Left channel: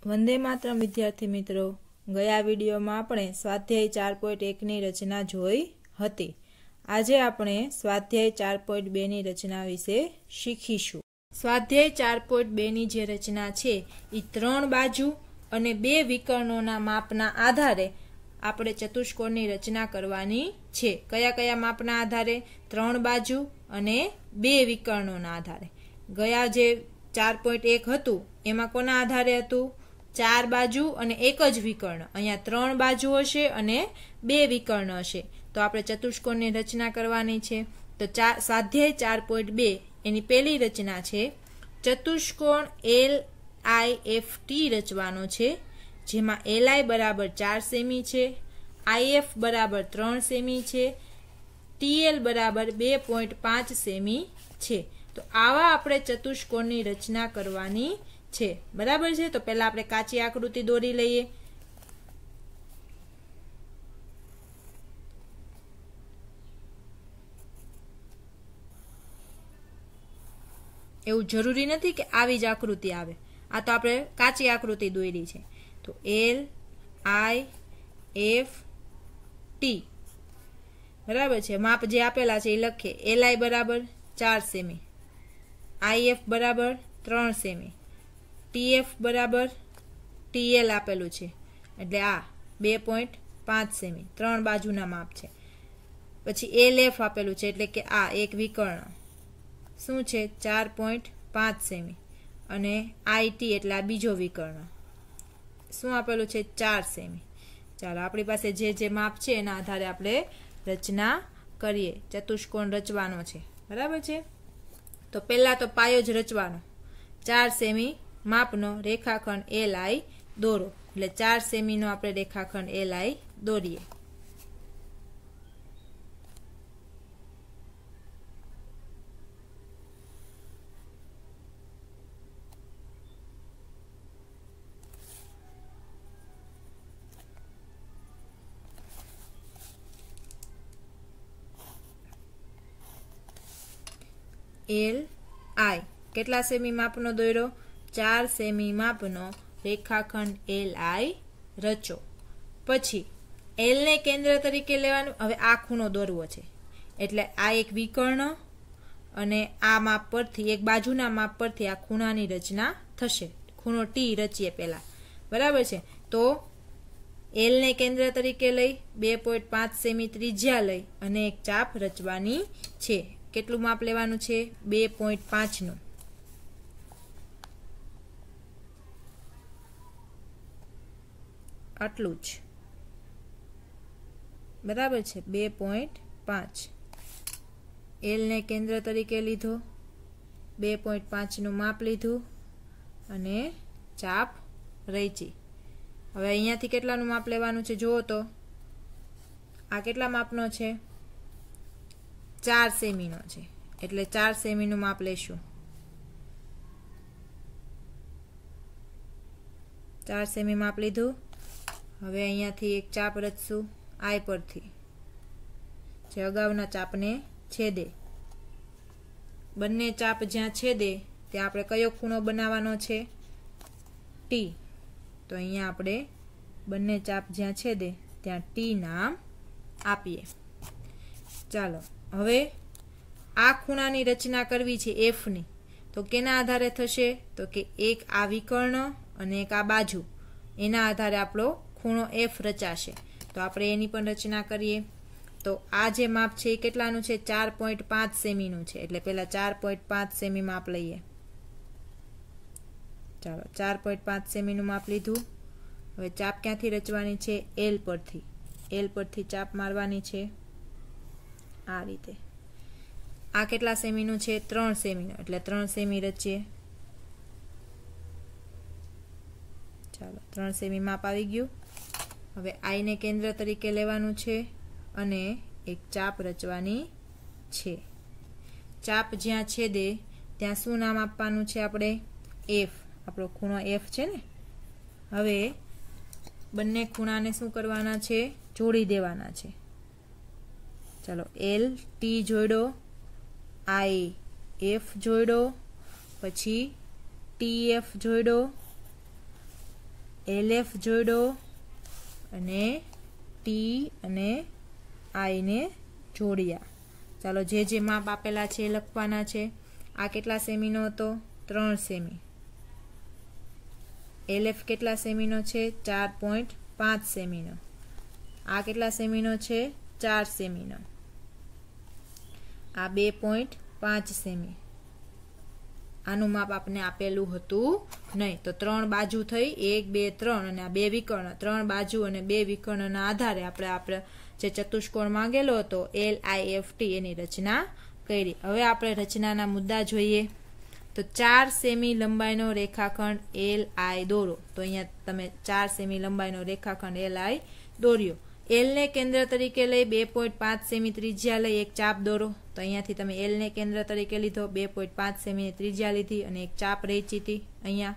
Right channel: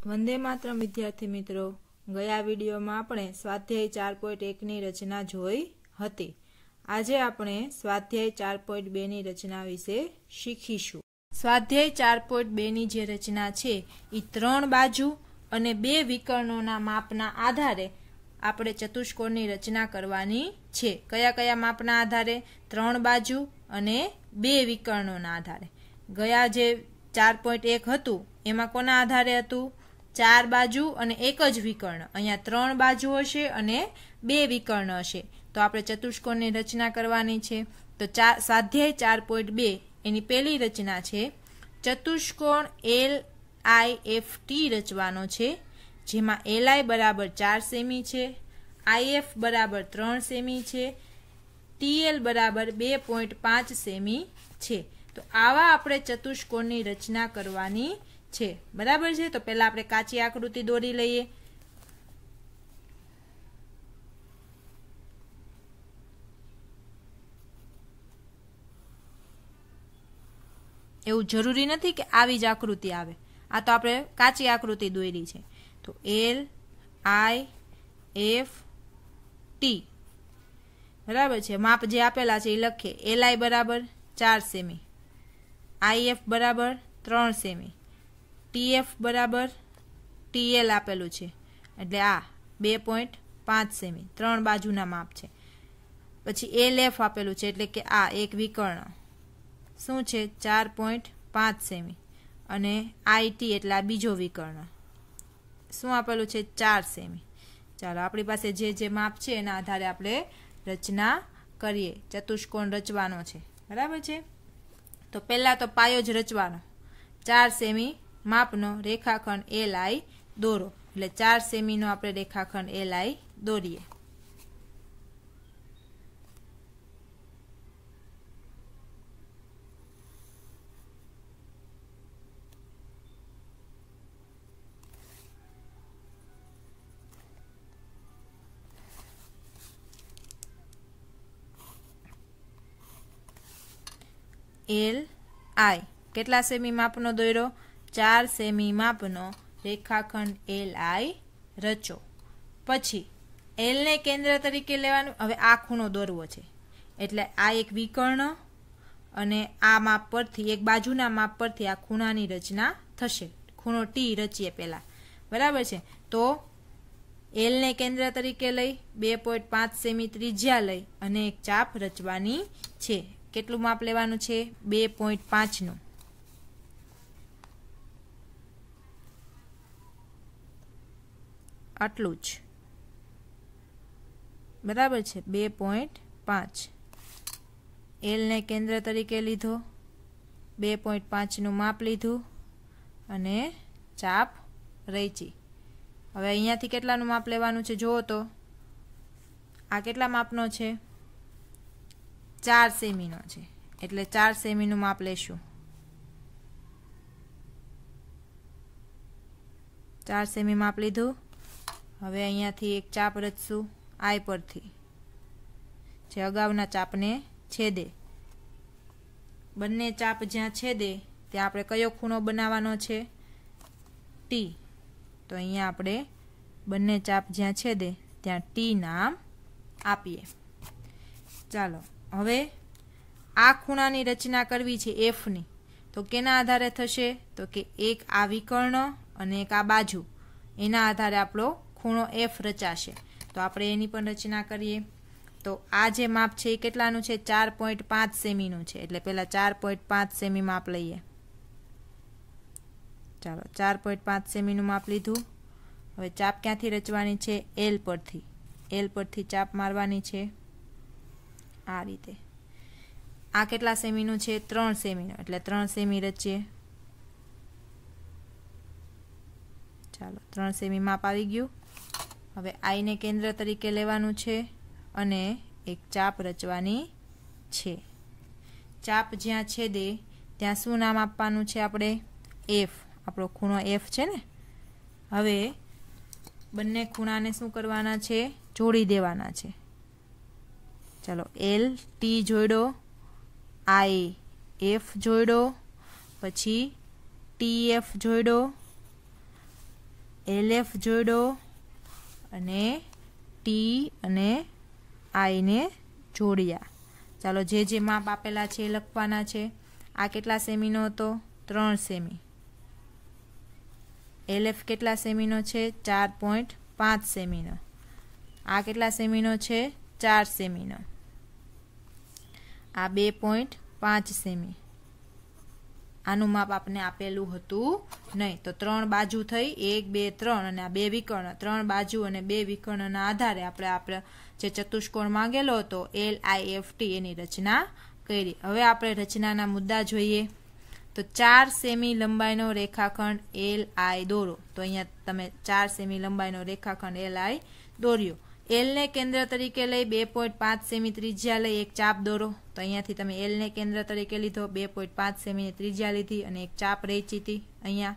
वंदे मातरम विद्यार्थी मित्रों, गया विडियो में आपणे स्वाध्याय 4.1 नी रचना जोई हती। आजे आपणे स्वाध्याय 4.2 नी रचना विषे शीखीशुं। स्वाध्याय 4.2 नी जे रचना छे ई 3 बाजू अने 2 विकर्णोना मापना आधारे आपणे चतुष्कोणनी रचना करवानी छे। कया कया मापना आधारे? 3 बाजू अने 2 विकर्णोना आधारे। गया जे 4.1 हतुं एमां कोना आधारे हतुं? 4 बाजू अने 1 ज विकर्ण। अहींया 3 बाजू हशे अने 2 विकर्ण हशे, तो आपणे चतुष्कोणनी रचना करवानी छे। तो स्वाध्याय 4.2 एनी पहेली रचना छे चतुष्कोण LIFT रचवानो छे, जेमां LI बराबर 4 सेमी छे, IF बराबर 3 सेमी छे, TL बराबर 2.5 सेमी छे। तो आवा आपणे चतुष्कोणनी रचना करवानी छे। बराबर छे। तो पहला आपणे काची आकृति दोरी लईए। एवुं जरूरी नथी के आवी ज आकृति आवे। आ तो आपणे काची आकृति दोरी छे। तो LIFT बराबर छे। माप जे आपेला छे ए लखीए। LI बराबर 4 सेमी, IF बराबर 3 सेमी, TF बराबर TL आपेलू छे एटले आ 2.5 सेमी 3 बाजूना माप छे। पछी LF आपेलू छे एटले के आ एक विकर्ण शुं छे 4.5 सेमी अने IT एटले आ बीजो विकर्ण शुं आपेलू छे 4 सेमी। चालो आपणी पासे जे जे माप छे एना आधारे आपणे रचना करीए। चतुष्कोण रचवानो छे। बराबर छे। तो पहला तो पायो ज रचवानो। 4 सेमी मापनो रेखाखंड LI दोरो। એટલે 4 સેમી નો આપણે રેખાખંડ LI દોરીએ। LI કેટલા સેમી માપનો દોર્યો? 4 સેમી માપનો રેખાખંડ LI રચો। પછી L ને કેન્દ્ર તરીકે લેવાનું। હવે આ ખૂણો દોરવો છે એટલે આ એક વિકર્ણ અને આ માપ પરથી એક બાજુના માપ પરથી આ ખૂણાની રચના થશે। ખૂણો T રચીએ પહેલા। બરાબર છે। તો L ને કેન્દ્ર તરીકે લઈ 2.5 સેમી ત્રિજ્યા લઈ અને એક ચાપ રચવાની છે। કેટલું માપ લેવાનું છે? 2.5 નું। આટલું જ। બરાબર છે। 2.5 L ને કેન્દ્ર તરીકે લીધો, 2.5 નું માપ લીધું અને ચાપ રચી। હવે અહીંયાથી કેટલાનું માપ લેવાનું છે જોવો તો આ કેટલા માપનો છે? 4 સેમીનો છે એટલે 4 સેમીનું માપ લેશું। 4 સેમી માપ લીધું। હવે અહીંયાથી એક ચાપ રચશું I પરથી જે અગાઉના ચાપને છેદે। બંને ચાપ જ્યાં છેદે ત્યાં આપણે કયો ખૂણો બનાવવાનો છે? T। તો અહીંયા આપણે બંને ચાપ જ્યાં છેદે ત્યાં T નામ આપીએ। ચાલો હવે આ ખૂણાની રચના કરવી છે F ની। તો કેના આધારે થશે? તો કે એક આ વિકર્ણ અને એક આ બાજુ એના આધારે આપણો ખૂણો F રચાશે। તો આપણે એની પણ રચના કરીએ। તો આ જે માપ છે એ કેટલાનું છે? 4.5 સેમીનું છે એટલે પહેલા 4.5 સેમી માપ લઈએ। ચાલો 4.5 સેમીનું માપ લીધું। હવે ચાપ ક્યાંથી રચવાની છે? L પરથી। L પરથી ચાપ મારવાની છે આ રીતે। આ કેટલા સેમીનું છે? 3 સેમીનું એટલે 3 સેમી રચીએ। ચાલો 3 સેમી માપ આવી ગયું। હવે I ને કેન્દ્ર તરીકે લેવાનું છે અને એક ચાપ રચવાની છે। ચાપ જ્યાં છેદે ત્યાં શું નામ આપવાનું છે આપણે? F। આપણો ખૂણો F છે ને। હવે બંને ખૂણાને શું કરવાના છે? જોડી દેવાના છે। चलो LT जोड़ो, IF जोड़ो, पछी TF जोड़ो, LF જોડો અને ટી અને આઈ ને જોડ્યા। ચાલો જે માપ આપેલા છે એ લખવાના છે। આ કેટલા સેમીનો હતો? 3 સેમી। LF કેટલા સેમીનો છે? 4.5 સેમીનો। આ કેટલા સેમીનો છે? 4 સેમીનો। આ 2.5 સેમી। આનું માપ આપણે આપેલું હતું નહીં, તો 3 બાજુ થઈ 1 2 3 અને આ 2 વિકર્ણ, 3 બાજુ અને 2 વિકર્ણના આધારે આપણે જે ચતુષ્કોણ માંગેલો હતો LIFT એની રચના કરી। હવે આપણે રચનાના મુદ્દા જોઈએ। તો 4 સેમી લંબાઈનો રેખાખંડ LI દોરો। તો અહીંયા તમે 4 સેમી લંબાઈનો રેખાખંડ LI દોર્યો। L ને કેન્દ્ર તરીકે લઈ 2.5 સેમી ત્રિજ્યા લઈ એક ચાપ દોરો। તો અહીંયાથી તમે L ને કેન્દ્ર તરીકે લીધો, 2.5 સેમી ત્રિજ્યા લીધી અને એક ચાપ રેચી હતી અહીંયા।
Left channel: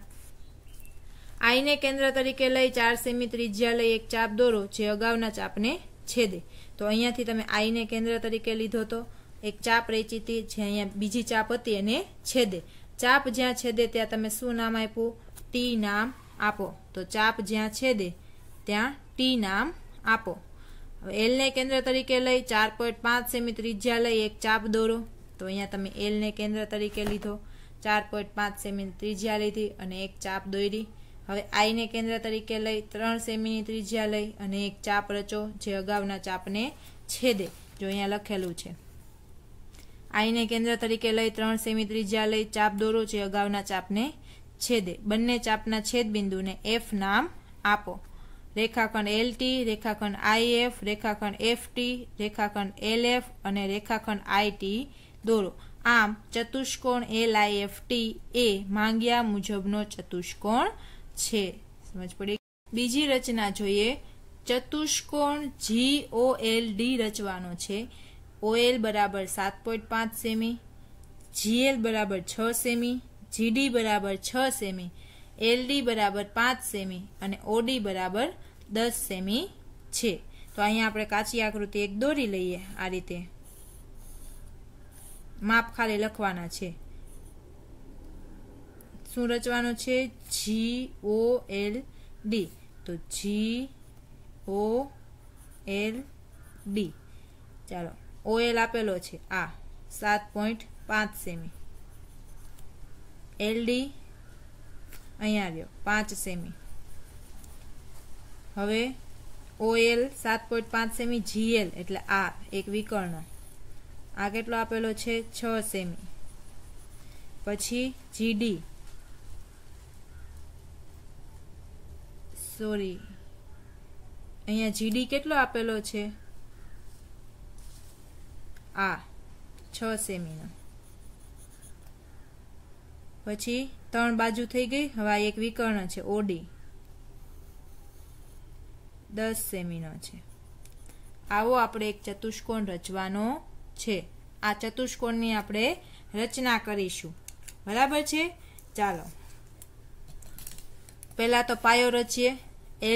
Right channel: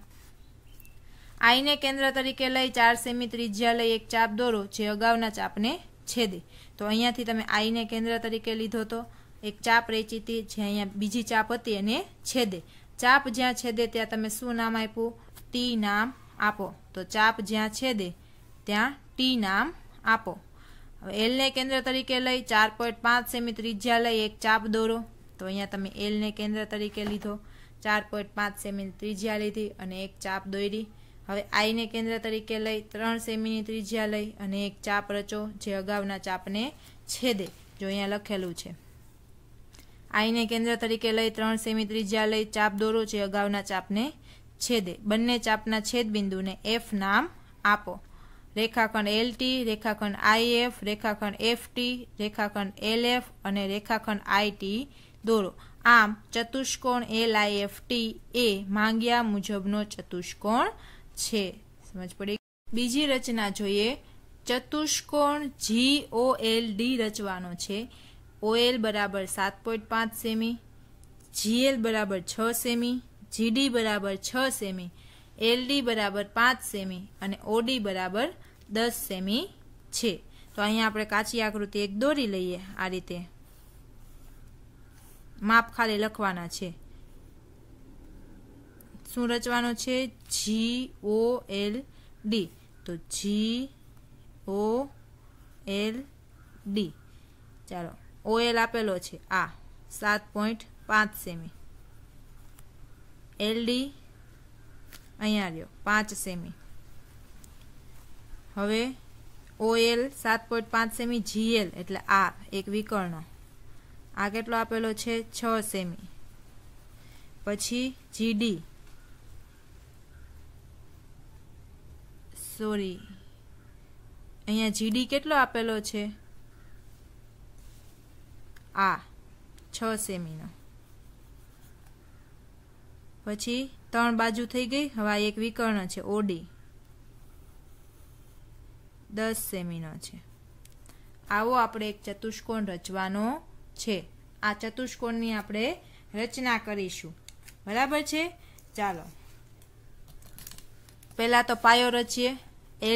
I ને કેન્દ્ર તરીકે લઈ 4 સેમી ત્રિજ્યા લઈ એક ચાપ દોરો જે અગાઉના ચાપને છેદે। તો અહીંયાથી તમે I ને કેન્દ્ર તરીકે લીધો તો એક ચાપ રેચી હતી જે અહીંયા બીજી ચાપ હતી એને છેદે। ચાપ જ્યાં છેદે ત્યાં તમે શું નામ આપ્યું? ટી નામ આપો। તો ચાપ જ્યાં છેદે ત્યાં ટી નામ આપો। હવે L ને કેન્દ્ર તરીકે લઈ 4.5 સેમી ત્રિજ્યા લઈ એક ચાપ દોરો। તો અહીંયા તમે L ને કેન્દ્ર તરીકે લીધો, 4.5 સેમી ત્રિજ્યા લીધી અને એક ચાપ દોરી। હવે I ને કેન્દ્ર તરીકે લઈ 3 સેમીની ત્રિજ્યા લઈ અને એક ચાપ રચો જે અગાઉના ચાપને છેદે। જો અહીંયા લખેલું છે I ને કેન્દ્ર તરીકે લઈ 3 સેમી ત્રિજ્યા લઈ ચાપ દોરો જે અગાઉના ચાપને છેદે। બંને ચાપના છેદ બિંદુને F નામ આપો। રેખાખંડ LT, રેખાખંડ IF, રેખાખંડ FT, રેખાખંડ LF અને રેખાખંડ IT દોરો। આમ ચતુષ્કોણ LIFT એ માંગ્યા મુજબનો ચતુષ્કોણ છે। સમજ પડી? બીજી રચના જોઈએ। ચતુષ્કોણ GOLD રચવાનો છે। OL બરાબર 7.5 સેમી, GL બરાબર 6 સેમી, GD બરાબર 6 સેમી, LD બરાબર 5 સેમી અને OD બરાબર 10 સેમી છે। તો અહીંયા આપણે કાચી આકૃતિ એક દોરી લઈએ। આ રીતે માપ ખાલી લખવાના છે। શું રચવાનું છે? GOLD। તો GOLD। ચાલો OL આપેલો છે આ 7.5 સેમી, LD અહીંયા રહ્યો 5 સેમી। હવે OL 7.5 સેમી, GL એટલે આ એક વિકર્ણ, આ કેટલો આપેલો છે? 6 સેમી। પછી GD, સોરી અહીંયા GD કેટલો આપેલો છે? આ 6 સેમીનો। પછી 3 બાજુ થઈ ગઈ। હવે આ એક વિકર્ણ છે OD, 10 સેમીનો છે। આવો આપણે એક ચતુષ્કોણ રચવાનો છે। આ ચતુષ્કોણની આપણે રચના કરીશું, બરાબર છે? ચાલો પહેલા તો પાયો રચીએ।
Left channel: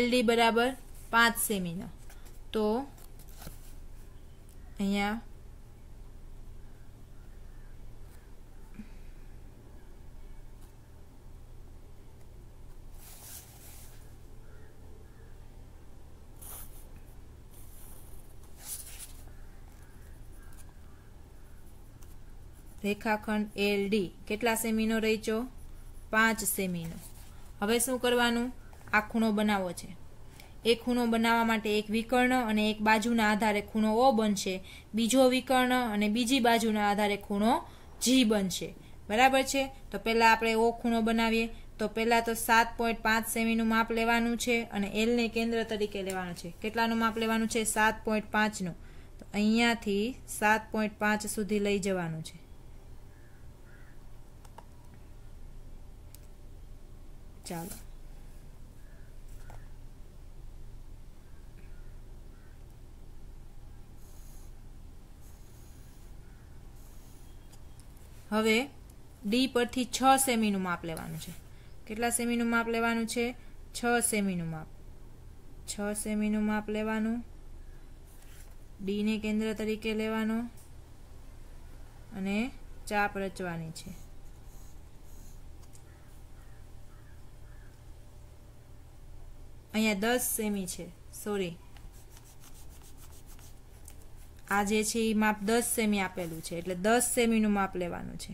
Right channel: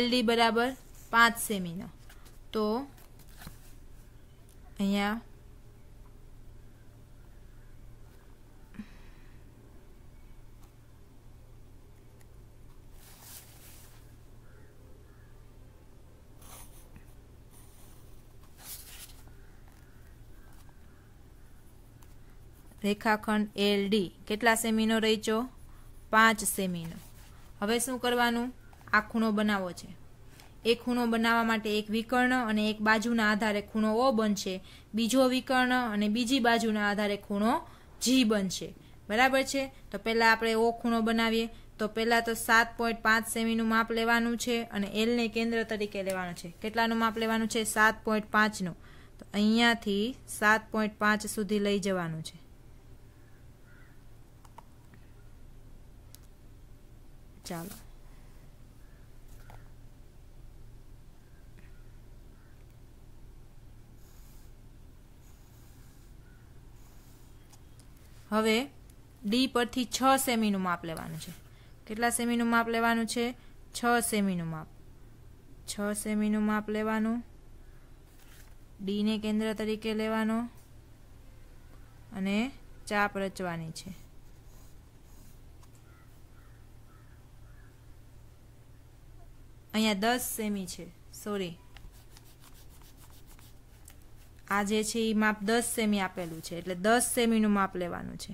LD બરાબર 5 સેમીનો। તો અહીંયા રેખાખંડ LD કેટલા સેમીનો રચ્યો? 5 સેમીનો। હવે શું કરવાનું? આ ખૂણો બનાવવો છે। એક ખૂણો બનાવવા માટે એક વિકર્ણ અને એક બાજુના આધારે ખૂણો O બનશે, બીજો વિકર્ણ અને બીજી બાજુના આધારે ખૂણો G બનશે, બરાબર છે? તો પહેલા આપણે O ખૂણો બનાવીએ। તો પહેલા તો 7.5 સેમીનું માપ લેવાનું છે અને L ને કેન્દ્ર તરીકે લેવાનું છે। કેટલાનું માપ લેવાનું છે? 7.5 નું। તો અહીંયાથી 7.5 સુધી લઈ જવાનું છે। ચાલો હવે D પરથી 6 સેમીનું માપ લેવાનું છે। કેટલા સેમીનું માપ લેવાનું છે? 6 સેમીનું માપ। 6 સેમીનું માપ લેવાનું, D ને કેન્દ્ર તરીકે લેવાનો અને ચાપ રચવાની છે। અહીંયા 10 સેમી છે, સોરી આ જે છે એ માપ 10 સેમી આપેલું છે, એટલે 10 સેમીનું માપ લેવાનું છે.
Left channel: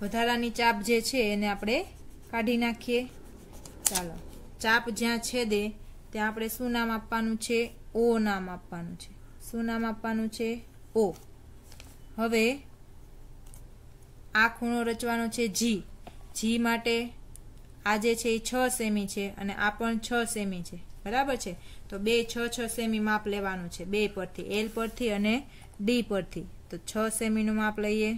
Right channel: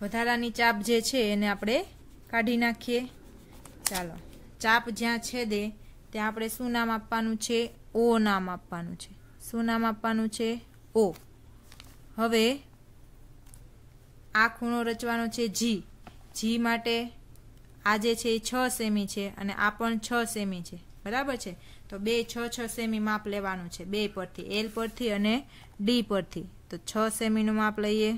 વધારાની ચાપ જે છે એને આપણે કાઢી નાખીએ. ચાલો, ચાપ જ્યાં છેદે ત્યાં આપણે શું નામ આપવાનું છે? ઓ નામ આપવાનું છે. શું નામ આપવાનું છે? ઓ. હવે આ ખૂણો રચવાનો છે જી. જી માટે આ જે છે એ 6 સેમી છે અને આ પણ 6 સેમી છે, બરાબર છે. તો બે 6 સેમી માપ લેવાનું છે, બે પરથી, એલ પરથી અને ડી પરથી. તો 6 સેમીનું માપ લઈએ.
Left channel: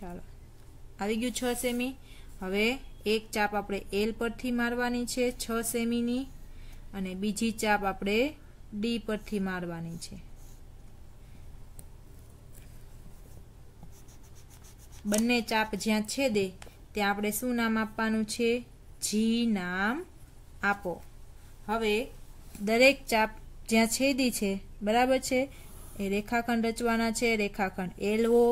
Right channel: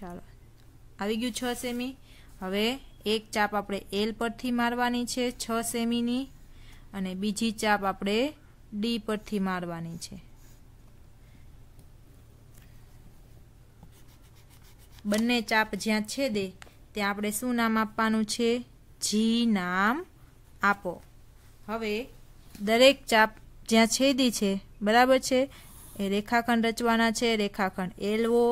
ચાલો, આવી ગયું 6 સેમી. હવે એક ચાપ આપણે એલ પરથી મારવાની છે 6 સેમીની અને બીજી ચાપ આપણે ડી પરથી મારવાની છે. બંને ચાપ જ્યાં છેદે ત્યાં આપણે શું નામ આપવાનું છે? જી નામ આપો. હવે દરેક ચાપ જ્યાં છેદી છે, બરાબર છે, એ રેખાખંડ રચવાના છે. રેખાખંડ એલઓ,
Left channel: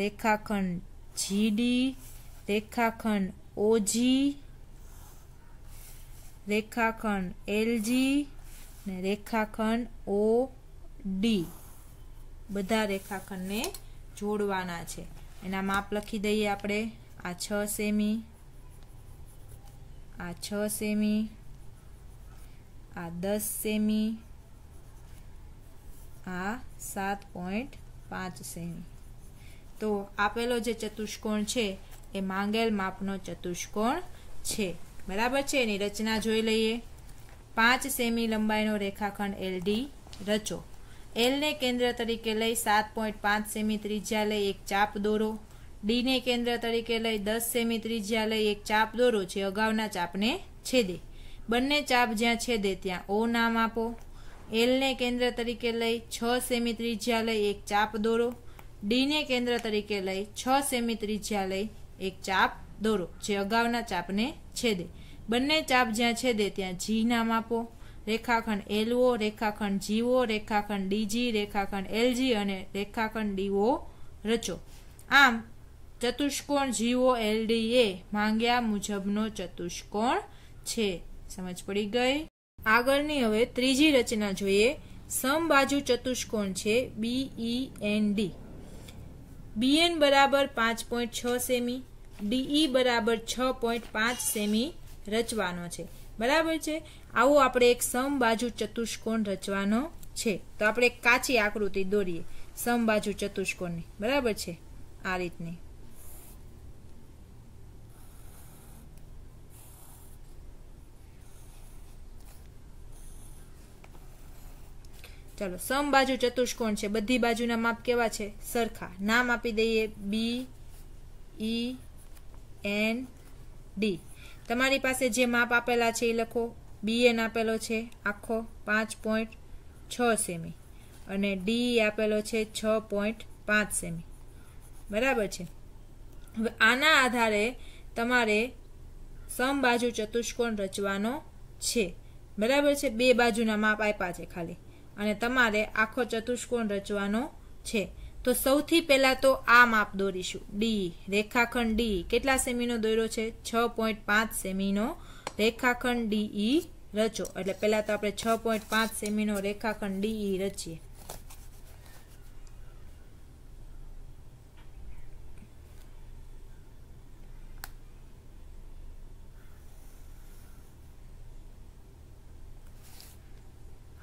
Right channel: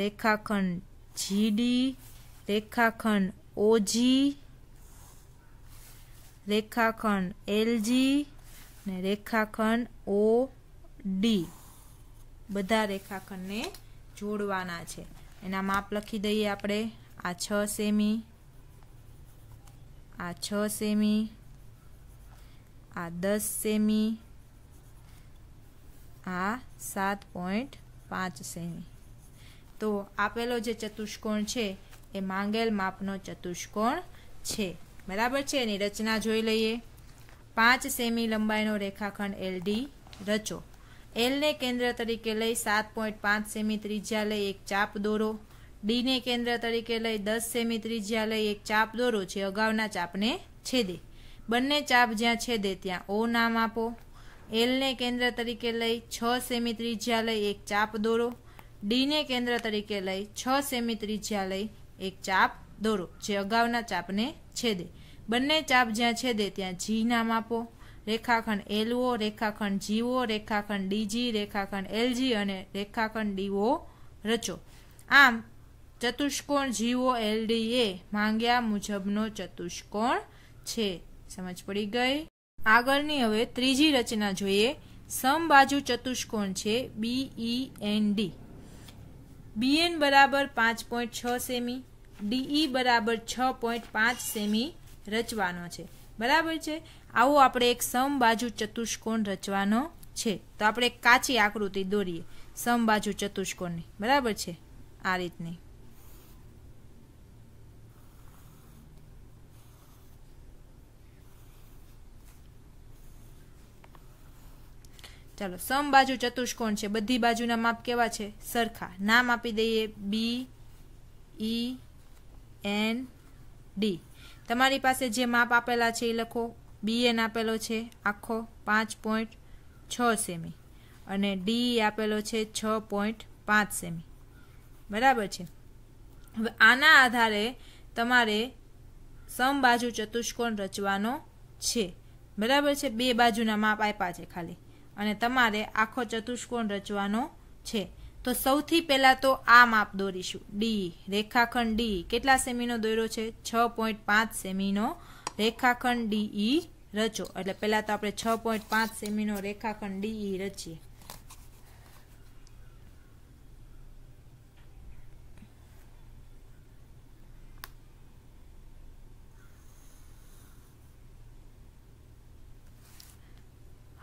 રેખાખંડ જીડી, રેખાખંડ ઓજી, રેખાખંડ એલજી ને રેખાખંડ ઓ ડી. બધા રેખાખંડને જોડવાના છે. એના માપ લખી દઈએ આપણે. આ 6 સેમી, આ 6 સેમી, આ 10 સેમી, આ 7.5 સેમી. તો આપેલો જે ચતુષ્કોણ છે એ માંગેલ માપનો ચતુષ્કોણ છે, બરાબર છે. એની રચના જોઈ લઈએ. 5 સેમી લંબાઈનો રેખાખંડ એલડી રચો. એલ ને કેન્દ્ર તરીકે લઈ 7.5 સેમી ત્રિજ્યા લઈ એક ચાપ દોરો. ડી ને કેન્દ્ર તરીકે લઈ 10 સેમી ત્રિજ્યા લઈ એક ચાપ દોરો છે અગાઉના ચાપને છેદે. બંને ચાપ જ્યાં છેદે ત્યાં ઓ નામ આપો. એલ ને કેન્દ્ર તરીકે લઈ 6 સેમી ત્રિજ્યા લઈ એક ચાપ દોરો. ડી ને કેન્દ્ર તરીકે લઈ 6 સેમી ત્રિજ્યા લઈ એક ચાપ દોરો જે અગાઉના ચાપને છેદે. બંને ચાપ જ્યાં છેદે ત્યાં જી નામ આપો. રેખાખંડ એલઓ, રેખાખંડ જીઓ, રેખાખંડ ડીજી, રેખાખંડ એલજી અને રેખાખંડ ડીઓ રચો. આમ ચતુષ્કોણ જીઓ એલડી એ માંગ્યા મુજબનો ચતુષ્કોણ છે. સમજ પડી ગઈ? આગળની હવે ત્રીજી રચના જોઈએ. સમબાજુ ચતુષ્કોણ છે બીઈએનડી. બીએન બરાબર 5.6 સેમી, ડીઈ બરાબર 6.5 સેમી રચવાનો છે, બરાબર છે. આવું આપણે એક સમબાજુ ચતુષ્કોણ રચવાનો છે. તો આપણે એક કાચી આકૃતિ દોરીએ સમબાજુ ચતુષ્કોણની, બરાબર છે, આ રીતની. ચાલો, સમબાજુ ચતુષ્કોણ છે. બધી બાજુના માપ કેવા છે? સરખા. નામ આપી દઈએ બી ઈ એન ડી. તમારી પાસે જે માપ આપેલા છે એ લખો. બીએન આપેલો છે આખો 5.6 સેમી અને ડી આપેલો છે 6.5 સેમી, બરાબર છે. હવે આના આધારે તમારે સમબાજુ ચતુષ્કોણ રચવાનો છે, બરાબર છે. બે બાજુના માપ આપ્યા છે ખાલી અને તમારે આખો ચતુષ્કોણ રચવાનો છે. તો સૌથી પહેલા તો આ માપ દોરીશું. ડી, રેખાખંડ ડી કેટલા સેમીનો દોર્યો છે? 6.5 સેમીનો રેખાખંડ ડીઈ રચો. એટલે પહેલા તો આપણે 6.5 સેમીનો રેખાખંડ ડીઈ રચીએ.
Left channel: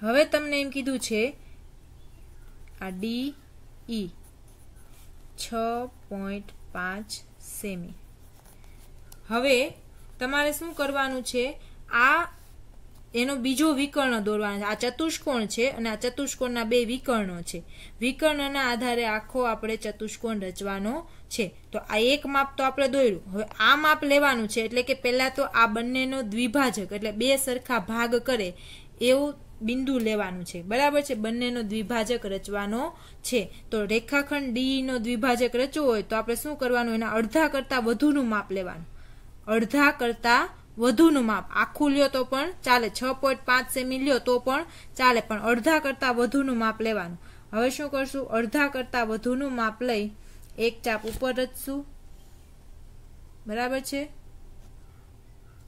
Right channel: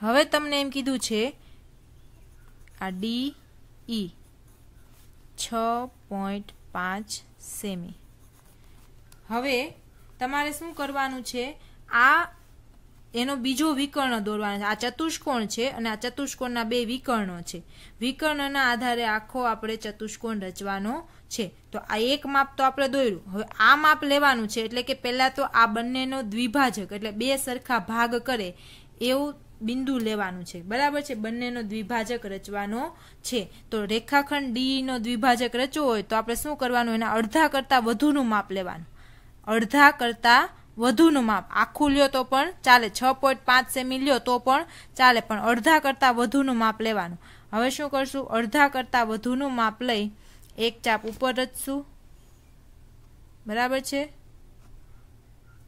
હવે તમને એમ કીધું છે આ ડી ઈ 6.5 સેમી. હવે તમારે શું કરવાનું છે? આ એનો બીજો વિકર્ણ દોરવાનો છે. આ ચતુષ્કોણ છે અને આ ચતુષ્કોણના બે વિકર્ણો છે. વિકર્ણના આધારે આખો આપણે ચતુષ્કોણ રચવાનો છે. તો આ એક માપ તો આપણે દોર્યું. હવે આ માપ લેવાનું છે એટલે કે પહેલા તો આ બંનેનો દ્વિભાજક એટલે બે સરખા ભાગ કરે એવું બિંદુ લેવાનું છે, બરાબર છે। બંનેનો દ્વિભાજક રચવાનો છે। તો રેખાખંડ ડી નો દ્વિભાજક રચવો હોય તો આપણે શું કરવાનું, એના અડધા કરતા વધુનું માપ લેવાનું, અડધા કરતા વધુનું માપ। આખું લ્યો તો પણ ચાલે, 6.5 સેમી લ્યો તો પણ ચાલે, પણ અડધા કરતા વધુનું માપ લેવાનું। હવે શું કરશું, અડધા કરતા વધુનું માપ લઈ એક ચાપ ઉપર રચશું, બરાબર છે,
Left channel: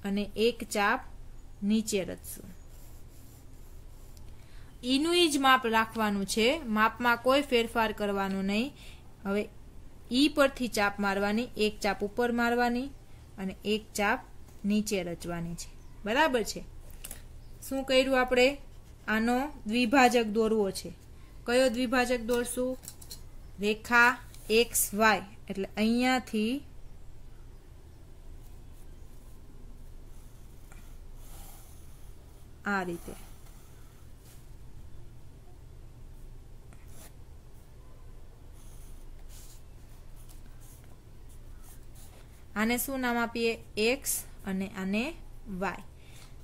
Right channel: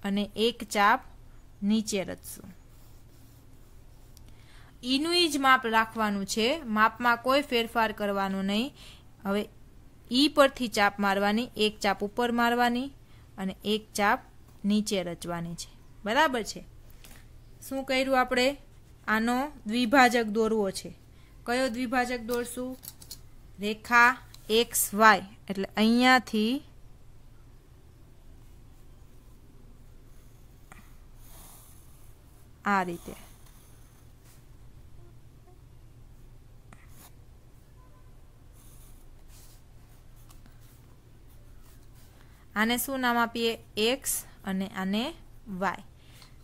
અને એક ચાપ નીચે રચશું। ઈનું જ માપ રાખવાનું છે, માપમાં કોઈ ફેરફાર કરવાનો નહીં। હવે ઈ પરથી ચાપ મારવાની, એક ચાપ ઉપર મારવાની અને એક ચાપ નીચે રચવાની છે, બરાબર છે। શું કર્યું આપણે, આનો દ્વિભાજક દોરવો છે। કયો દ્વિભાજક દોરશું, રેખા એક્સ વાય, એટલે અહીંયાથી આ રીતે આને શું નામ આપીએ, એક્સ અને આને વાય।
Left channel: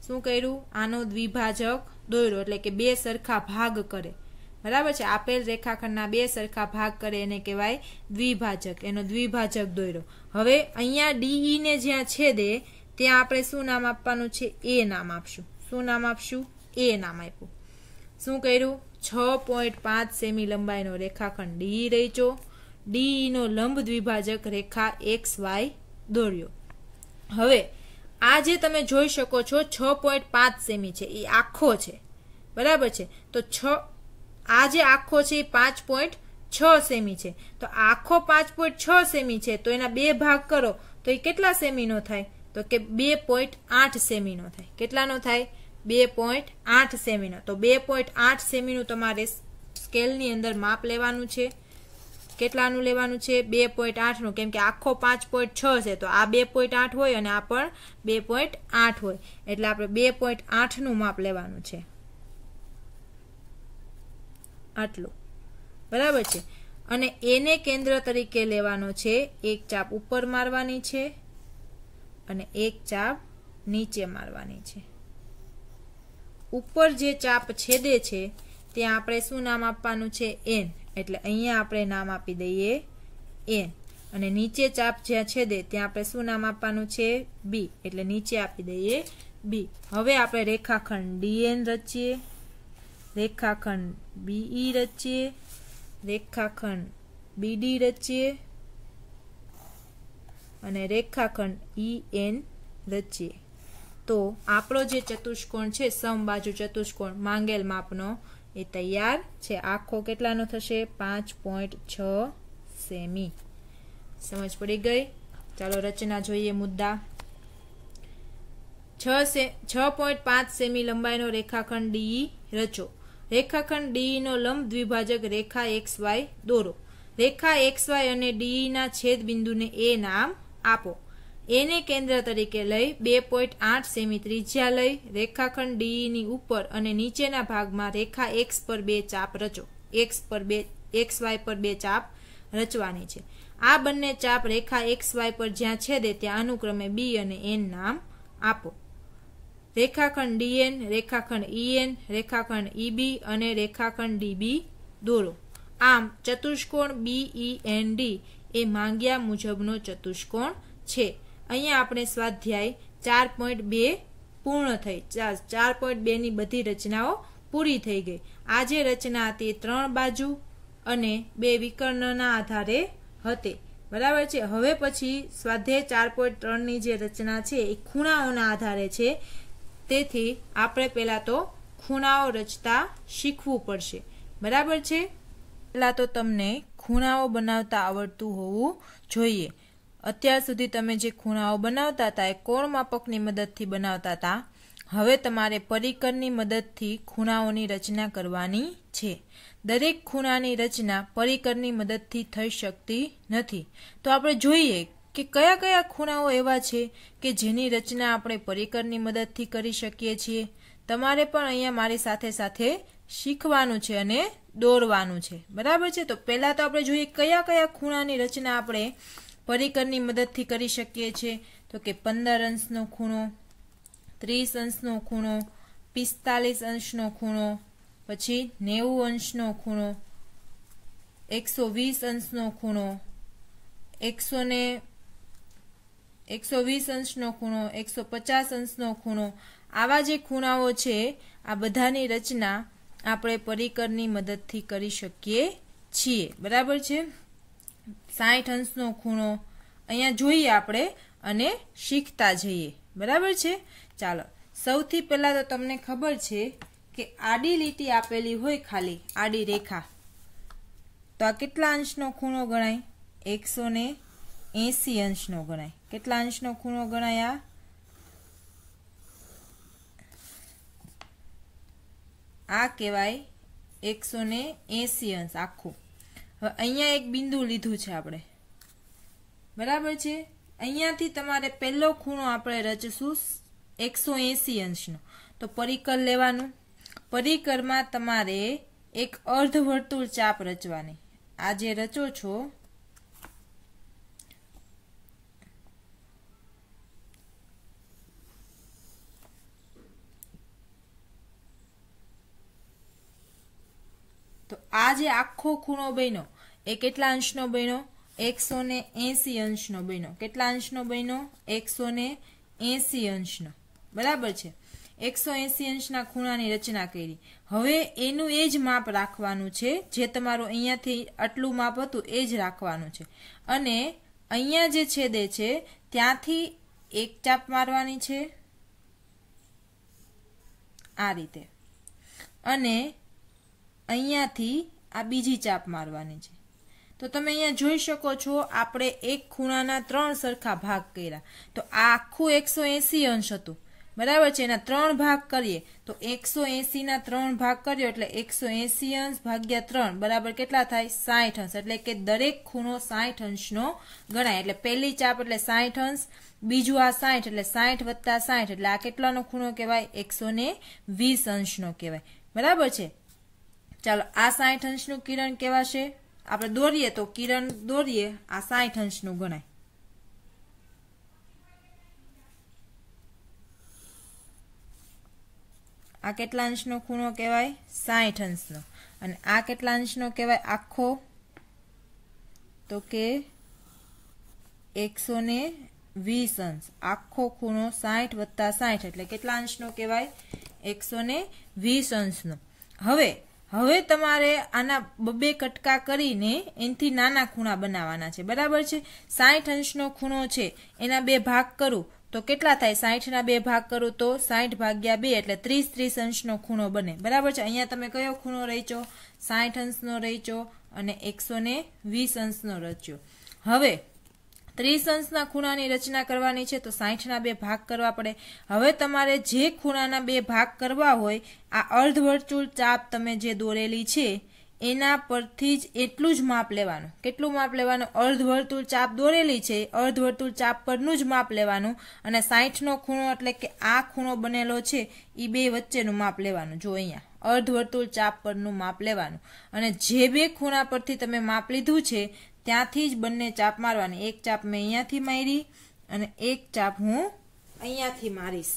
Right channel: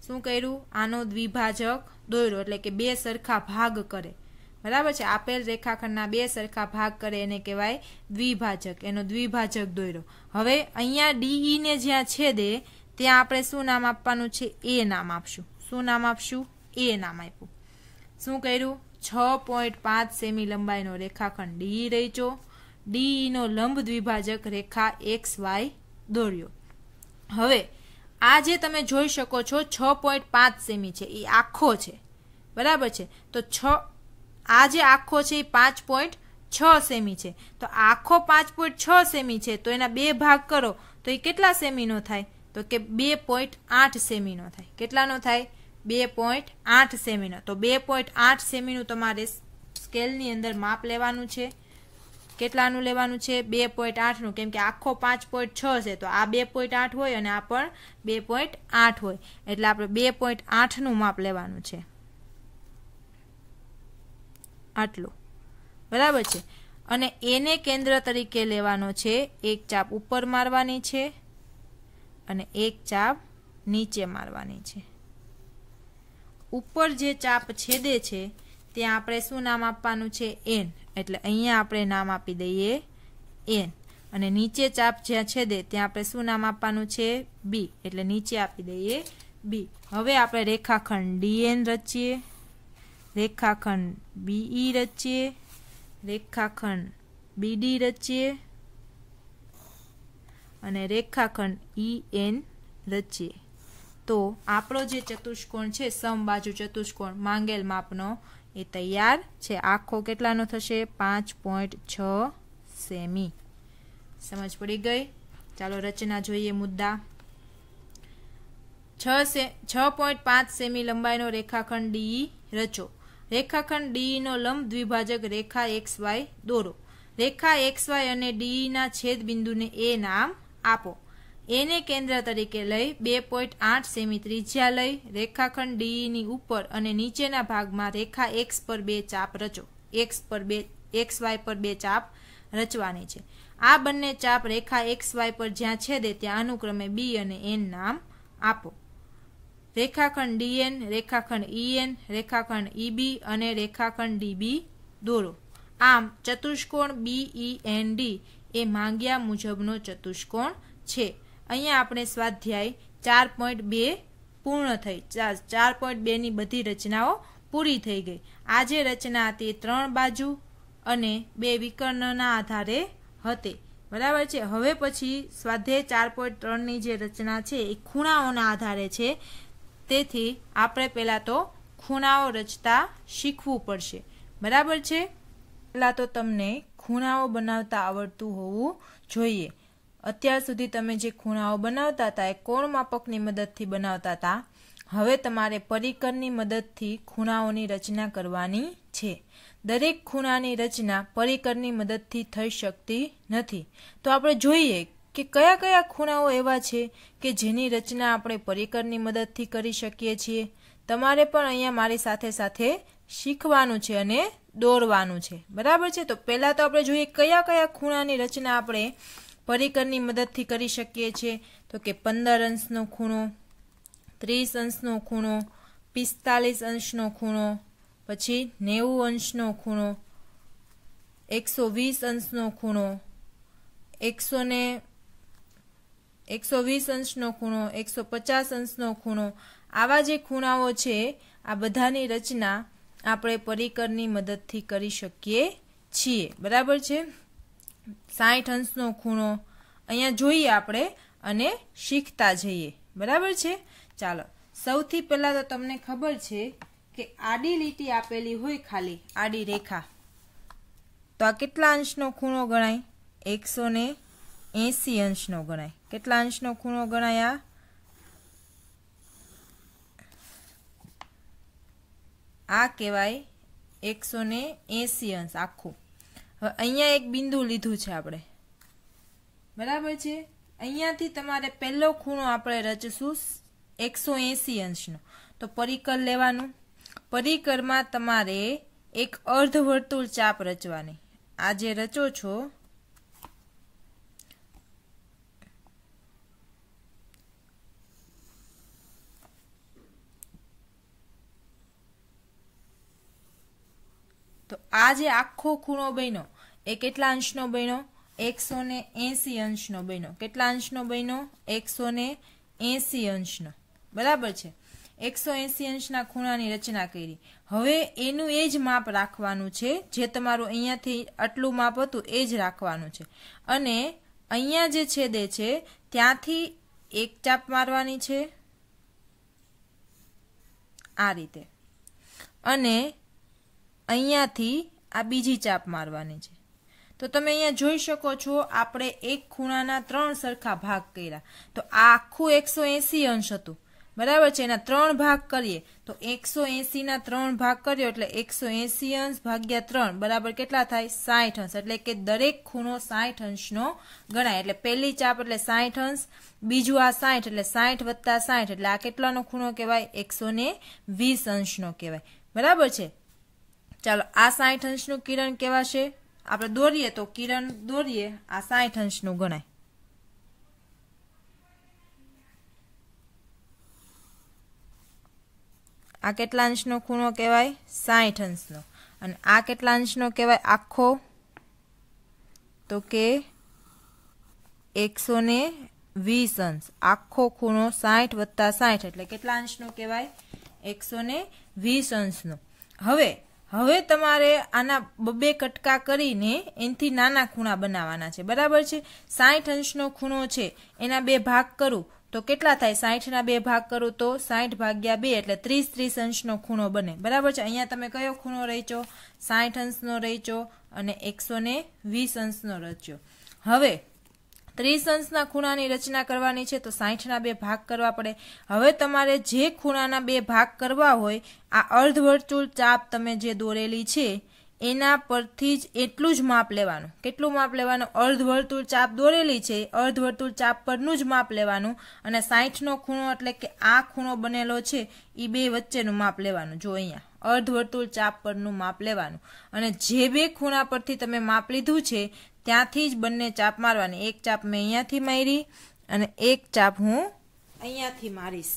શું કર્યું, આનો દ્વિભાજક દોર્યો, એટલે કે બે સરખા ભાગ કરે, બરાબર છે। આપેલ રેખાખંડના બે સરખા ભાગ કરે એને કહેવાય દ્વિભાજક, એનો દ્વિભાજક દોર્યો। હવે અહીંયા ડીઈ ને જ્યાં છેદે ત્યાં આપણે શું નામ આપવાનું છે, એ નામ આપશું। શું નામ આપશું, એ નામ આપ્યું। શું કર્યું, 6.5 સેમી લંબાઈનો રેખાખંડ ડી રચ્યો, ડી નો લંબ દ્વિભાજક રેખા એક્સ વાય દોર્યો। હવે આ જે તમે જોઈ શકો છો 6.5 સેમી છે, એ આખો છે, બરાબર છે। તો આ જે આખો છે એ 5.6 સેમી છે, તો આખો 5.6 સેમી છે, તો એના બે ભાગ કરો તો એ કેટલા સેમીનો થાય, તો કે 2.8 સેમીનો થાય। કેટલાનો થાય, 2.8 સેમીનો। તો 2.8 સેમીનું તમારે સ્કેલની અંદર માપ લેવાનું છે। કેટલાનું લેવાનું છે, 2.8 નું, કેમ કે આખો 5.6 છે, તો આ 2.8 હોય અને આ પણ 2.8 હોય, એટલે આપણે 2.8 નું માપ લેવાનું છે, આટલું, બરાબર છે। અને એને કેન્દ્ર તરીકે લેવાનો છે, એક ચાપ ઉપર મારવાની છે અને એક ચાપ નીચે મારવાની છે। ઉપર જે ચાપ છેદે છે ત્યાં આપણે શું નામ આપવાનું છે, એન, એટલે અહીંયા આપણે નામ આપી દઈએ એન, અને નીચે ચાપ જ્યાં છેદે ત્યાં આપણે શું નામ આપવાનું છે, બી, એટલે નીચે આપી દઈએ બી। હવે આપણે રેખાખંડ ડીએન રચીએ, રેખાખંડ બીઈ રચીએ, રેખાખંડ બીડી રચીએ અને રેખાખંડ ઈએન રચીએ। તો આપણો જે ચતુષ્કોણ છે, સમબાજુ ચતુષ્કોણ માંગેલ માપનો, એ તૈયાર છે। આખો કેટલાનો થશે, 5.6 સેમી। સમજ પડી ગઈ? ચાલો રચના જોઈએ મુદ્દા। 6.5 સેમી લંબાઈનો રેખાખંડ ડી રચો। રેખાખંડ ડી નો લંબ દ્વિભાજક રેખા એક્સ વાય દોરો। રેખા એક્સ વાય અને ડી ના છેદ બિંદુને એ નામ આપો। એને કેન્દ્ર તરીકે લઈ 2.8 સેમી ત્રિજ્યા લઈ રેખાખંડ ડી ની ઉપર અને નીચેના ભાગમાં રેખા એક્સ પર બે ચાપ રચો। એક્સ વાય પર બે ચાપ રચવાની છે। આ બંને ચાપ રેખા એક્સ વાય પર જ્યાં છેદે ત્યાં અનુક્રમે બી અને એન નામ આપો। રેખાખંડ ડીએન, રેખાખંડ ઈએન, રેખાખંડ ઈબી અને રેખાખંડ ડીબી દોરો। આમ ચતુષ્કોણ બીઈએનડી એ માંગ્યા મુજબનો ચતુષ્કોણ છે। અહીંયા આપણે સ્વાધ્યાય 4.2 પૂર્ણ થઈ, 4.2 ની બધી રચનાઓ પૂરી થઈ ગઈ। આ જે રચના હતી 3 બાજુ અને 2 વિકર્ણના આધારે હતી, બરાબર છે। હવે પછી સ્વાધ્યાય 4.3 ની જે રચના છે એ ખૂણાઓના આધારે છે, તેથી આપણે પહેલા તો ખૂણાઓ રચતા શીખવું પડશે, બરાબર છે। પહેલા તો તમને ખૂણાઓ બનાવતા આવડતું હોવું જોઈએ। અત્યાર સુધી તમે જે ખૂણાઓ બનાવતા હતા એ કોણ માપકની મદદથી બનાવતા હતા, હવે તમારે પરિકરની મદદથી ખૂણાઓની રચના કરવાની છે। દરેક ખૂણાની રચના પરિકરની મદદથી થઈ શકતી નથી, તો આપણે જોઈએ કે કયા કયા ખૂણાઓ એવા છે કે જેની રચના આપણે પરિકરની મદદથી કરી શકીએ છીએ। તમારે પણ અહીંયા મારી સાથે સાથે શીખવાનું છે અને દોરવાનું છે, બરાબર છે। તો પહેલા તો આપણે જોઈએ કયા કયા ખૂણાની રચના આપણે પરિકરની મદદથી કરી શકીએ છીએ, તો કે 15 અંશનો ખૂણો, 30 અંશનો ખૂણો, P 45 અંશનો ખૂણો, પછી 90 અંશનો ખૂણો, 120 અંશનો ખૂણો, 120 અંશનો ખૂણો, 150 અંશનો ખૂણો, આવા જે ખૂણાઓ છે આ બધાની રચના આપણે પરિકરની મદદથી કરી શકીએ છીએ. બરાબર છે. 60 અંશનો ખૂણો અહીંયા જોઈએ આપણે અને શીખતા જઈએ. બરાબર છે. ચાલો, સૌથી પહેલા તો તમને ખબર છે કે આડી લીટી આપેલી હોય, ખાલી આડી રેખા, તો આ કેટલા અંશનો ખૂણો ગણાય? 180 અંશનો ગણાય. કેટલા અંશનો ખૂણો ગણાય? આ કહેવાય 180 અંશ આખું. હવે અહીંયા એક બિંદુ લીધું છે આપણે. બરાબર છે. અહીંયાથી તમારે પહેલો ખૂણો આપણે રચશું 180 અંશનો. તો પરિકર લેવાનું. પરિકરમાં તમારે એક અર્ધવર્તુળ ચાપ રચવાની. આ જે રચો છો તો આ જે આખો ખૂણો બન્યો એ કેટલા અંશનો બન્યો? 180 અંશનો બન્યો. કેટલા અંશનો બન્યો? 180 અંશનો. બરાબર છે. 180 અંશના ખૂણાની રચના કરી. હવે એનું એ જ માપ રાખવાનું છે, જે તમારું અહીંયાથી આટલું માપ હતું એ જ રાખવાનું છે. અને અહીંયા જે છેદે છે ત્યાંથી એક ચાપ મારવાની છે આ રીતે, અને અહીંયાથી આ બીજી ચાપ મારવાની છે. તો તમે અહીંયા જોઈ શકો છો આપણે એક ખૂણાના 3 સરખા ભાગ કર્યા. તો આ આખું 180 અંશ હતું. બરાબર છે. એના 3 ભાગ કરીએ તો 180 ના 3 ભાગ કર્યો એટલે 180 અંશ ભાગ્યા 3 બરાબર કેટલા થાય? 60 અંશ. એટલે કે દરેક ખૂણો 60 અંશનો ગણાય. એટલે પહેલી ચાપ એટલે 60 અંશ, બીજું આ 60 એટલે 60 વત્તા 60 એટલે આ કેટલાનો ખૂણો કહેવાય? 120 અંશનો કહેવાય. બરાબર છે. ચાલો, આ 60 અંશનું કિરણ કહેવાશે. આપણે દોરીએ તો કિરણ દોરીએ, આ 60 અંશનું ગણાય. આ કેટલા અંશનો ખૂણો કહેવાય? 60 અંશનો. અને આ કેટલા અંશનો કહેવાય આખો? તો કે 120 અંશ. આખો ખૂણો 60 વત્તા 60 એટલે કેટલા અંશનો કહેવાય? 120 અંશનો. હવે તમારે આના બબે કટકા કરીને એનાથી નાના ખૂણા બનાવવાના છે. બરાબર છે. 60 અંશનો ખૂણો છે એના 2 ભાગ કરું તો કેટલા થાય? 60 ના 2 ભાગ કરું તો 60 ભાગ્યા 2 એટલે 30 અંશનો ખૂણો બને. બરાબર છે. અહીંયા તમે કયો ખૂણો રચ્યો? 60 અંશનો રચ્યો અને 120 અંશનો રચ્યો. હવે 30 અંશના ખૂણાની રચના કરવાની છે તો 60 ના 2 ભાગ કરવા પડે. હવે તમારે જે ખૂણાના 2 ભાગ કરવા હોય, આ અર્ધવર્તુળ ચાપ તમે જે દોરેલી છે એના પરથી જ એટલું જ માપ લેવાનું. કેટલું માપ લેવાનું? અર્ધવર્તુળ ચાપ દોરેલી છે, અર્ધવર્તુળ ચાપ પરનું જ માપ લેવાનું. અને 60 નો ખૂણો એટલે કે આ ખૂણો બનેલો છે એ 2 વચ્ચેનું માપ લેવાનું. જો અહીંયા અર્ધવર્તુળ ચાપ પરનું માપ લેવાનું. અને જે 2 ખૂણા પરથી તમે માપ લીધું છે ત્યાંથી જ બંને ચાપ મારવાની. એક ચાપ મેં અહીંયાથી મારી અને એક ચાપ હું અહીંયાથી મારીશ.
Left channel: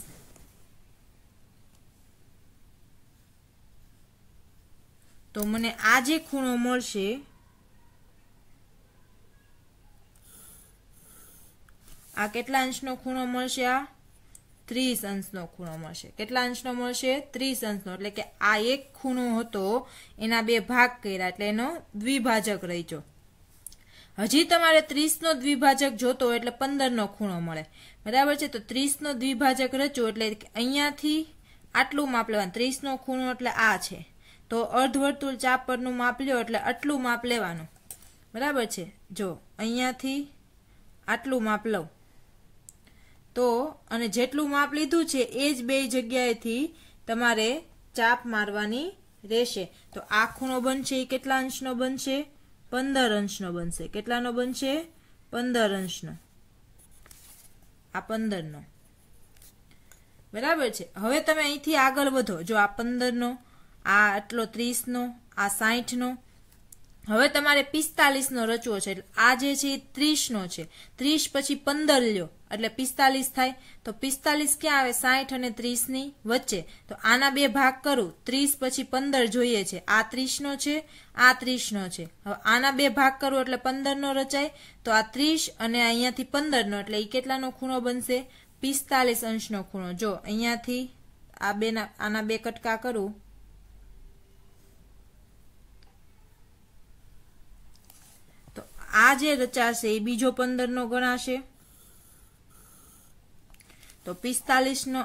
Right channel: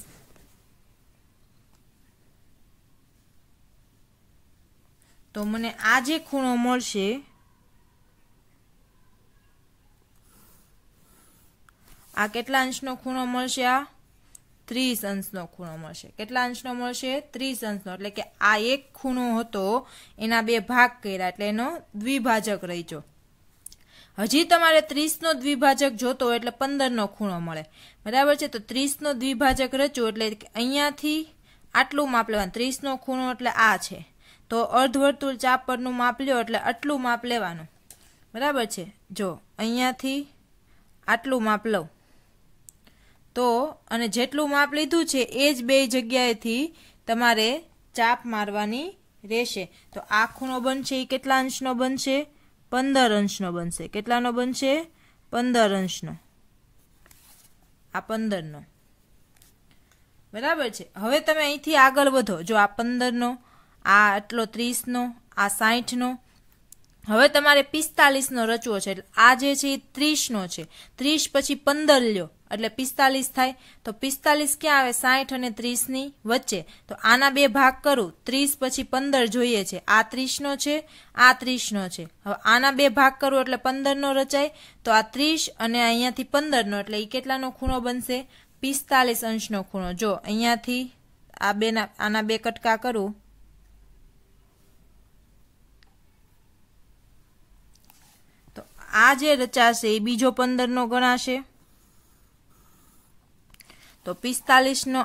તો મને આ જે ખૂણો મળશે આ કેટલા અંશનો ખૂણો મળશે? આ 30 અંશનો ખૂણો મળશે. કેટલા અંશનો મળશે? 30 અંશનો. એટલે કે આ એક ખૂણો હતો એના 2 ભાગ કર્યા એટલે એનો દ્વિભાજક રચ્યો. હજી તમારે 30 નો દ્વિભાજક જોતો એટલે 15 નો ખૂણો મળે. બરાબર છે. તો 30 નો દ્વિભાજક રચ્યો એટલે અહીંયાથી આટલું માપ લેવાનું. 30 નો ખૂણો એટલે આ છે તો અર્ધવર્તુળ ચાપ પરનું માપ લ્યો એટલે આટલું માપ લેવાનું. બરાબર છે. જો અહીંયાથી આટલું માપ લઉં તો અને જેટલું માપ લીધું છે એ જ 2 જગ્યાએથી તમારે ચાપ મારવાની રહેશે. તો આ ખૂણો બનશે એ કેટલા અંશનો બનશે? 15 અંશનો બનશે. કેટલાનો બનશે? 15 અંશનો. આ 15 નો. બરાબર છે. હવે તમે અહીંથી આગળ વધો. જો આ 15 નો, આ આટલો 30 નો, આ 60 નો. હવે તમારે 45 નો રચવો છે એટલે આ જે છે 30 નો છે 30 પછી 15 લ્યો એટલે 45 થાય તો 45 ક્યાં આવે 60 અને 30 ની વચ્ચે તો આના બે ભાગ કરું 30 પછી 15 જોઈએ છે આ 30 નો છે આ 30 નો છે હવે આના બે ભાગ કરું એટલે 15 નો રચાય તો આ 30 અને અહીંયાથી 15 નો એટલે એ કેટલાનો ખૂણો બનશે 45 અંશનો ખૂણો જો અહીંયાથી આ બેના આના બે કટકા કરું આ જે રચાશે એ બીજો 15 નો ગણાશે તો 45 નો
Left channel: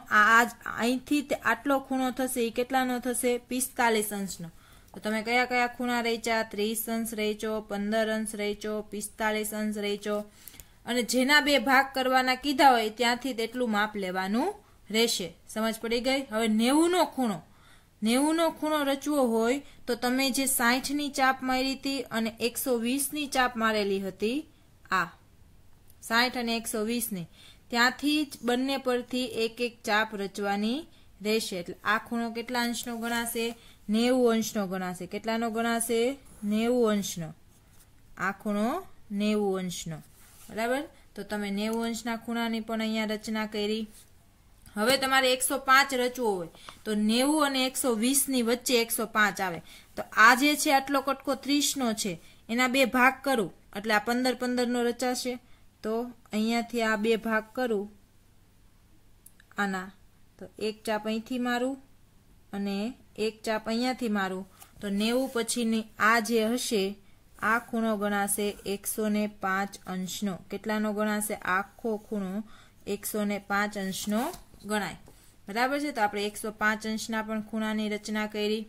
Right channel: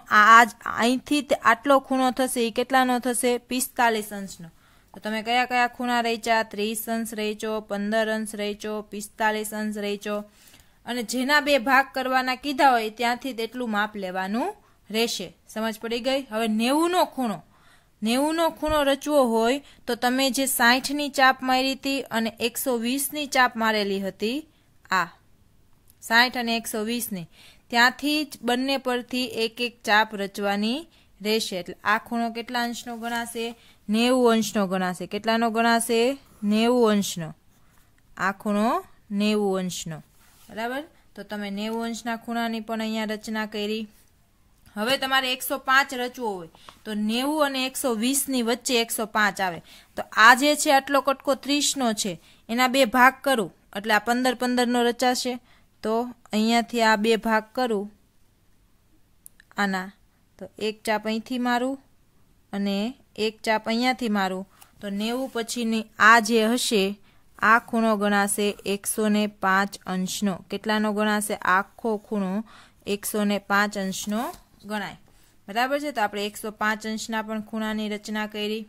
અહીંથી આટલો ખૂણો થશે એ કેટલાનો થશે 45 અંશનો તો તમે કયા કયા ખૂણા રચ્યા 30 અંશ રચ્યો 15 અંશ રચ્યો 45 અંશ રચ્યો અને જેના બે ભાગ કરવાના કીધા હોય ત્યાંથી તેટલું માપ લેવાનું રહેશે સમજ પડી ગઈ હવે 90 નો ખૂણો 90 નો ખૂણો રચવો હોય તો તમે જે 60 ની ચાપ મારી હતી અને 120 ની ચાપ મારેલી હતી આ 60 અને 120 ની ત્યાંથી જ બંને પરથી એક એક ચાપ રચવાની રહેશે એટલે આ ખૂણો કેટલા અંશનો ગણાશે 90 અંશનો ગણાશે કેટલાનો ગણાશે 90 અંશનો આ ખૂણો 90 અંશનો બરાબર તો તમે 90 અંશના ખૂણાની પણ અહીંયા રચના કરી હવે તમારે 105 રચવો હોય તો 90 અને 120 ની વચ્ચે 105 આવે તો આ જે છે આટલો કટકો 30 નો છે એના બે ભાગ કરું એટલે આ 15 નો રચાશે તો અહીંયાથી આ બે ભાગ કરું આના તો એક ચાપ અહીંથી મારું અને એક ચાપ અહીંયાથી મારું તો 90 પછીની આ જે હશે આ ખૂણો ગણાશે 105 અંશનો કેટલાનો ગણાશે આખો ખૂણો 105 અંશનો ગણાય બરાબર છે તો આપણે 105 અંશના પણ ખૂણાની રચના કરી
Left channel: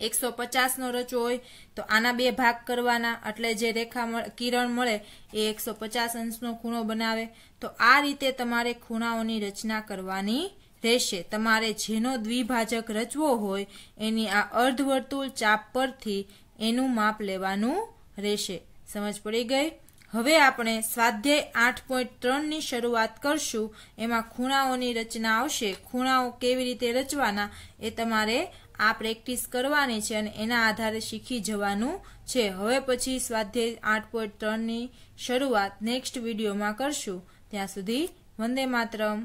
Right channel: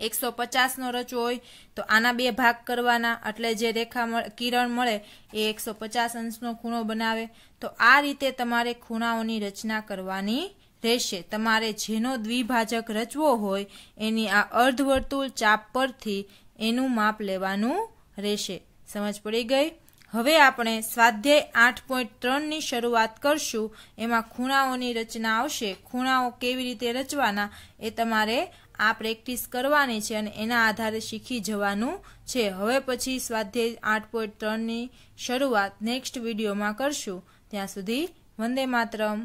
150 નો રચવો હોય તો આના બે ભાગ કરવાના એટલે જે રેખા કિરણ મળે એ 150 અંશનો ખૂણો બનાવે તો આ રીતે તમારે ખૂણાઓની રચના કરવાની રહેશે તમારે જેનો દ્વિભાજક રચવો હોય એની આ અર્ધવર્તુળ ચાપ પરથી એનું માપ લેવાનું રહેશે સમજ પડી ગઈ હવે આપણે સ્વાધ્યાય 8.3 ની શરૂઆત કરશું એમાં ખૂણાઓની રચના આવશે ખૂણાઓ કેવી રીતે રચવાના એ તમારે આ પ્રેક્ટિસ કરવાની છે અને એના આધારે શીખી જવાનું છે હવે પછી સ્વાધ્યાય 8.3 ની શરૂઆત નેક્સ્ટ વિડીયોમાં કરશું ત્યાં સુધી વંદે માતરમ